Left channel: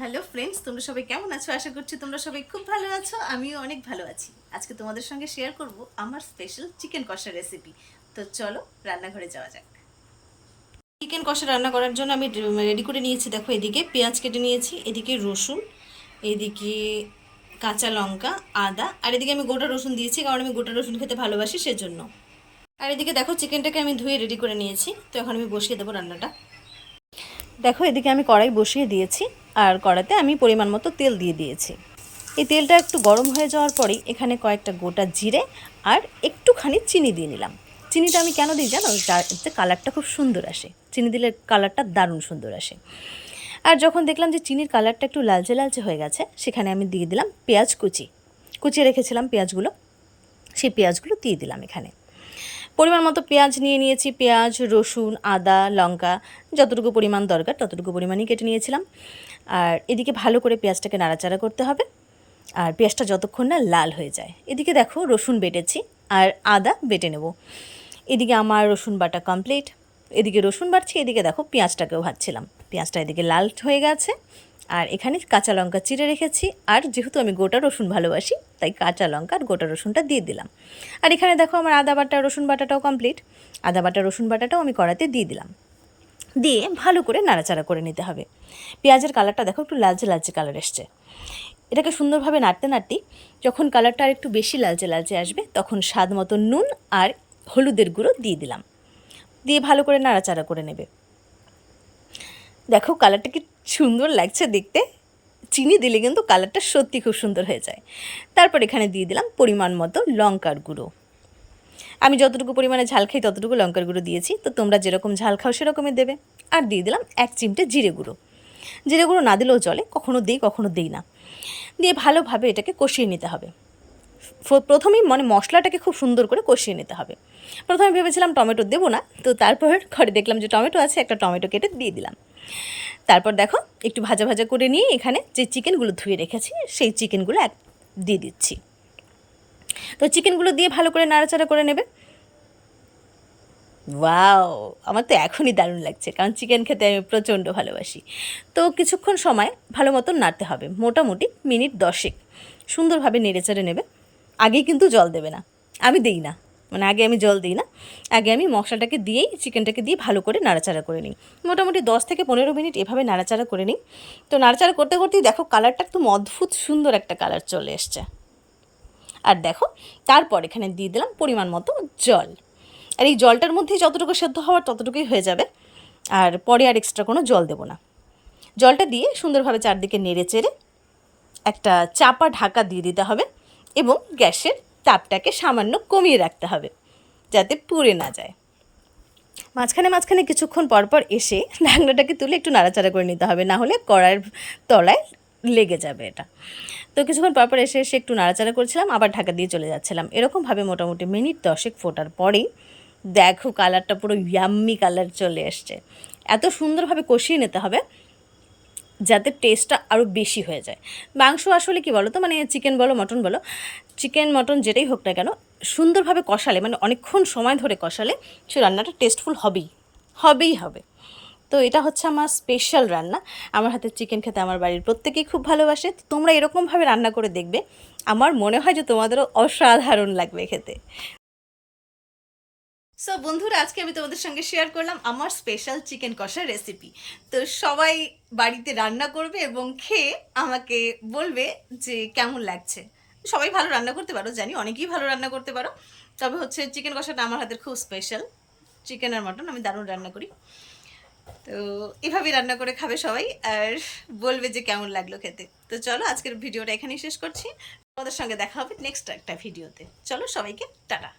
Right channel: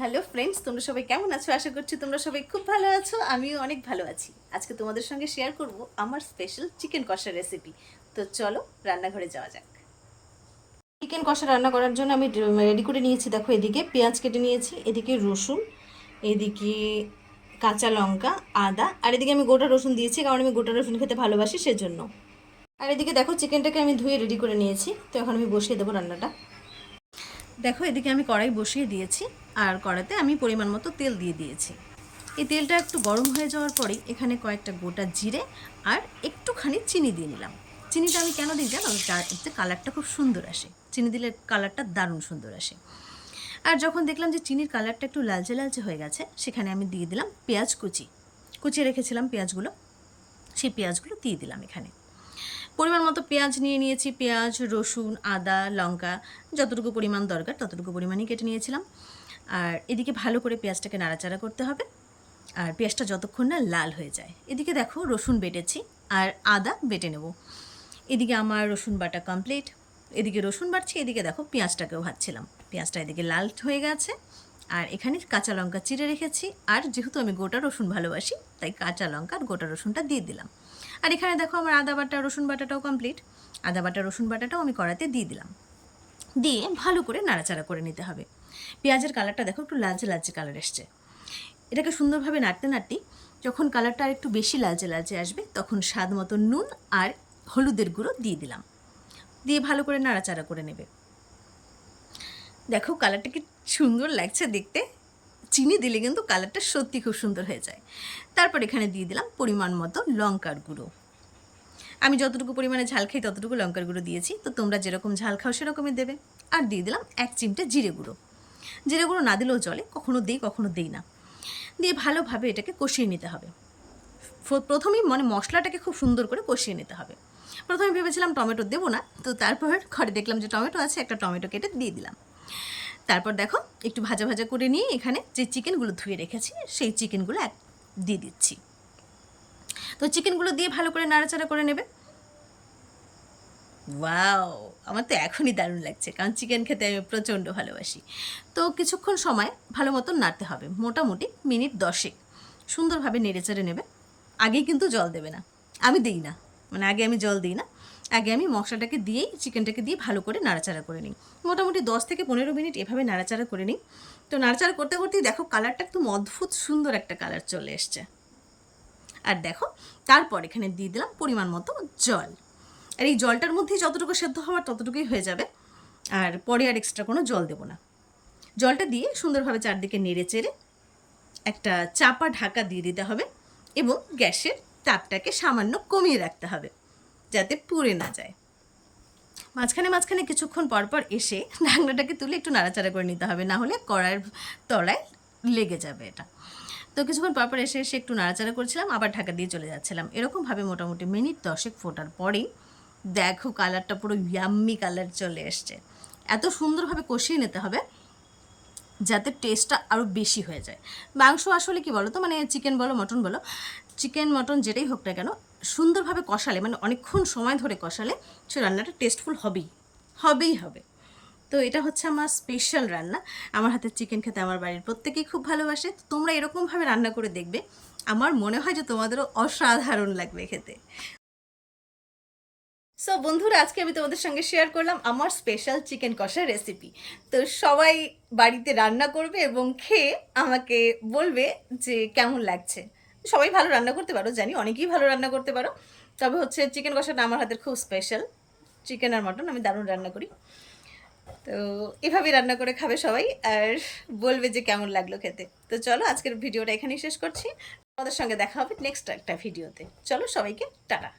Hello friends, তোমরা সবাই কেমন আছো? আশা করছি তোমরা সবাই খুব ভালো আছো। আমিও অনেক ভালো আছি। আজকে তোমাদের সঙ্গে শেয়ার করব আমার স্পেশাল চিকেন কষা রেসিপি। তো চলো রান্নাঘরে যাওয়া যাক। চিকেন কষা রান্না করার জন্য আমি রেডি করে নিয়েছি। দেখো, এদিকে পেঁয়াজ কেটে নিয়েছি, এদিকে রসুন, এদিকে কাঁচা লঙ্কা, আদা, আর এদিকে আমি গোটা রসুন দিয়েছি কারণ আমি গোটা রসুন খেতে ভালোবাসি সেজন্য। আর এদিকে দেখো, চিকেনটাকে আমি ধুয়ে রেডি করে নিয়েছি। তো এখন আমি বসিয়ে দেবো রান্নাটা। দেখো, এদিকে আমি কড়াই বসিয়ে দিয়েছি আর কড়াইতে আমি পরিমাণ মতো তেল দিয়ে দিয়েছি। এই তেলটা একটু গরম হয়ে যাওয়ার পরেই এখানে কয়েকটা গোটা জিরে আর একটুখানি চিনি দিয়ে নিলাম। চিনিটা আমি কেন দিই জানো? যাতে কালারটা খুব সুন্দর আসে। চিনি দিলে কালারটা দারুণ সুন্দর আসে। আর যখন দেখলাম যে চিনির কালারটা একটু লালচে লালচে হয়ে গেছে, সেখানে আমি দিয়ে দিলাম পেঁয়াজ কুচিয়ে রেখেছিলাম পেঁয়াজগুলো, সেই পেঁয়াজগুলো দিয়ে দিলাম এখানে। পরিমাণ মতো পেঁয়াজ নিয়ে নিয়েছি। পেঁয়াজ, রসুন, আদা, লঙ্কা যতটুকু পরিমাণ দরকার ততটুকু পরিমাণই কেটে নিয়েছিলাম। আর এদিকে ভালো করে পেঁয়াজটাকে নাড়াচাড়া করতে হবে, আর পেঁয়াজটা যতক্ষণ না লাল হয়ে যায়। এদিকে দেখো, রসুন বেটেছি আর আদা বেটে নেব। এদিকে আমার রসুন বাটা কমপ্লিট। এদিকে রসুন বাটছি, এদিকে দেখো পেঁয়াজটাকেও ভাজছিলাম। পেঁয়াজটা এদিকে লাল হয়ে গেছে। আর এখানে কাঁচা লঙ্কা চিড়ে রেখেছি, আর যেহেতু আমি গোটা রসুন ভালোবাসি তাই কাঁচা লঙ্কা আর গোটা রসুনটা দিয়ে দিলাম। আর এখানে দেখো, আমার আদা বাটা রসুন বাটাটাও কমপ্লিট। আদা বাটা রসুন বাটাটাও আমি কড়াতে দিয়ে দিলাম। দিয়ে ভালো করে নাড়াচাড়া করে নিতে হবে। পেঁয়াজের কালারটা দেখো একটু লালচে লালচে কালার এসছে। এটাকে সুন্দরভাবে নাড়তে নাড়তেই যখন কালারটা আর একটু বেশি লালচে লালচে আসবে, তখন স্বাদ মতো নুন আর হলুদের গুঁড়ো দিয়ে দিলাম। দিয়ে ভালো করে নাড়াচাড়া করে নেবে। দেখো কালারটা কি সুন্দর লাগছে দেখতে। চিনি দিলে কিন্তু কালারটা সত্যি খুব সুন্দর হয়ে যায়। তারপর এখানে দিয়ে দিলাম পরিমাণ মতো লঙ্কার গুঁড়ো। আমি যতটুকু পরিমাণে ঝাল খাই ততটুকু লঙ্কার গুঁড়ো দিয়েছি, তো তোমরা যেরকম ঝাল খাও সেরকমই দেবে। আর দিয়ে দিলাম 1 চিমটে জিরে গুঁড়ো। জিরে গুঁড়ো না দিলেও চলে, কখনো দিই না। দিয়ে ভালোভাবে এটাকে কষিয়ে নিতে হবে। প্রথমেই মশলাটাকে খুব সুন্দর করে কষিয়ে নিতে হবে। প্রথমে ভেবেছিলাম টমেটো দেবো না, তো তারপর ঘরে দেখলাম যে টমেটো আছে, একটা টমেটো কেটে দিয়ে দিলাম। তারপর দেখো, একটু ভাজা ভাজা করে নিয়ে এখানে যে চিকেনগুলো ধুয়ে রেখেছি সেই চিকেনগুলো দিয়ে দিচ্ছি। তো চিকেনগুলো দিয়ে ভালো করে নাড়াচাড়া করে নেবে। ওয়াও, আমার তো এখনই দারুণ লাগছে, কারণ চিকেন খেতে আমি প্রচণ্ড ভালোবাসি। তো কিছুক্ষণ সময় ভালো মতন নাড়তে হবে, মোটামুটি মিনিট 10 সুন্দরভাবে নেড়েচেড়ে নেবে। আগেই কিন্তু জল দেবে না, আমি দিই না, আগে আমি জল দিই না। আগে আমি মশলাটাকে দিয়েই চিকেনটাকে দিয়ে ভালো করে নাড়াচাড়া করে নিই। মোটামুটি 10 থেকে 15 মিনিট এভাবে নাড়াচাড়া করে নিই। তো নাড়াচাড়া করতে করতেই দেখো কালারটা একদম অদ্ভুত সুন্দর একটা কালার চলে এসছে। আর দেখো, তারপর এখানে দিয়ে দিলাম পরিমাণ মতো জল। আর এই জলটার মধ্যেই যতটুকু সেদ্ধ হওয়ার ততটুকুই হয়ে যাবে, আর পরে আর এক্সট্রা কোনো জল দেবো না। জলটা দিয়ে সুন্দরভাবে চারদিকে নেড়ে চেড়ে একটা চাপা ঢাকা দিয়ে দিতে হবে, এবং গ্যাসের তাপটাকে সামান্য কমিয়ে রাখতে হবে যাতে পুড়ে না যায়। মাঝখানে মাঝখানে কিছুক্ষণ পরপর এসে ঢাকনাটাকে তুলে একটু নাড়াচাড়া করে নিতে হবে, না হলে কড়াইয়ের তলায় লেগে যাবে এটা। তো কিছুক্ষণ পরপর এসে এসে একটু নাড়াচাড়া করছিলাম, আবার ঢাকা দিয়ে চলে যাচ্ছিলাম। এরকমভাবে মোটামুটি মিনিট 10 ফোটার পরেই দেখো কালারটা পুরো ইয়াম্মি কালার চলে এসছে। এত সুন্দরভাবে কষিয়ে নিতে হবে যাতে টেস্টটা আরও বেশি হয়ে যায়। মাংস আসলে কি বলো তো, চিকেন বলো মটন বলো, চিকেন মটন যেটাই হোক না কেন, সুন্দরভাবে কষালে, অনেকক্ষণ সময় ধরে কষালে সে রান্নাটা টেস্টফুল হবেই হবে। তো এটা হচ্ছে আমার স্পেশাল রান্না। আমার হাতের চিকেন খেতে আমার বাড়ির প্রত্যেকেই খুব ভালোবাসে। তো তোমরা এরকমভাবে রান্না করে দেখবে, আমার মনে হয় যে তোমাদেরও অসাধারণ লাগবে খেতে। সো বন্ধুরা, আজকে আমি তোমাদের সঙ্গে শেয়ার করলাম আমার স্পেশাল চিকেন কষার রেসিপি। তো সবাই বাড়িতে রান্না করবে এবং খেয়ে আমাকে বলবে যে কেমন লাগছে। সবাই ভালো রান্না করতে পারো, জানি অনেকেই ভালো রান্না করতে পারো, তবে হচ্ছে চিকেন কষাটা আমার হাতের খুব স্পেশাল। চিকেন আর মটন আমি দারুণ রান্না করি। তো এভাবেই রান্না করে খাবে সবাই, আর বলবে যে কেমন লাগলো খেতে। তো চলো আজকের ভিডিওটা এখানেই শেষ করছি। তোমাদের সঙ্গে দেখা হবে নেক্সট একটা ভিডিওতে। চলো সবাইকে টাটা।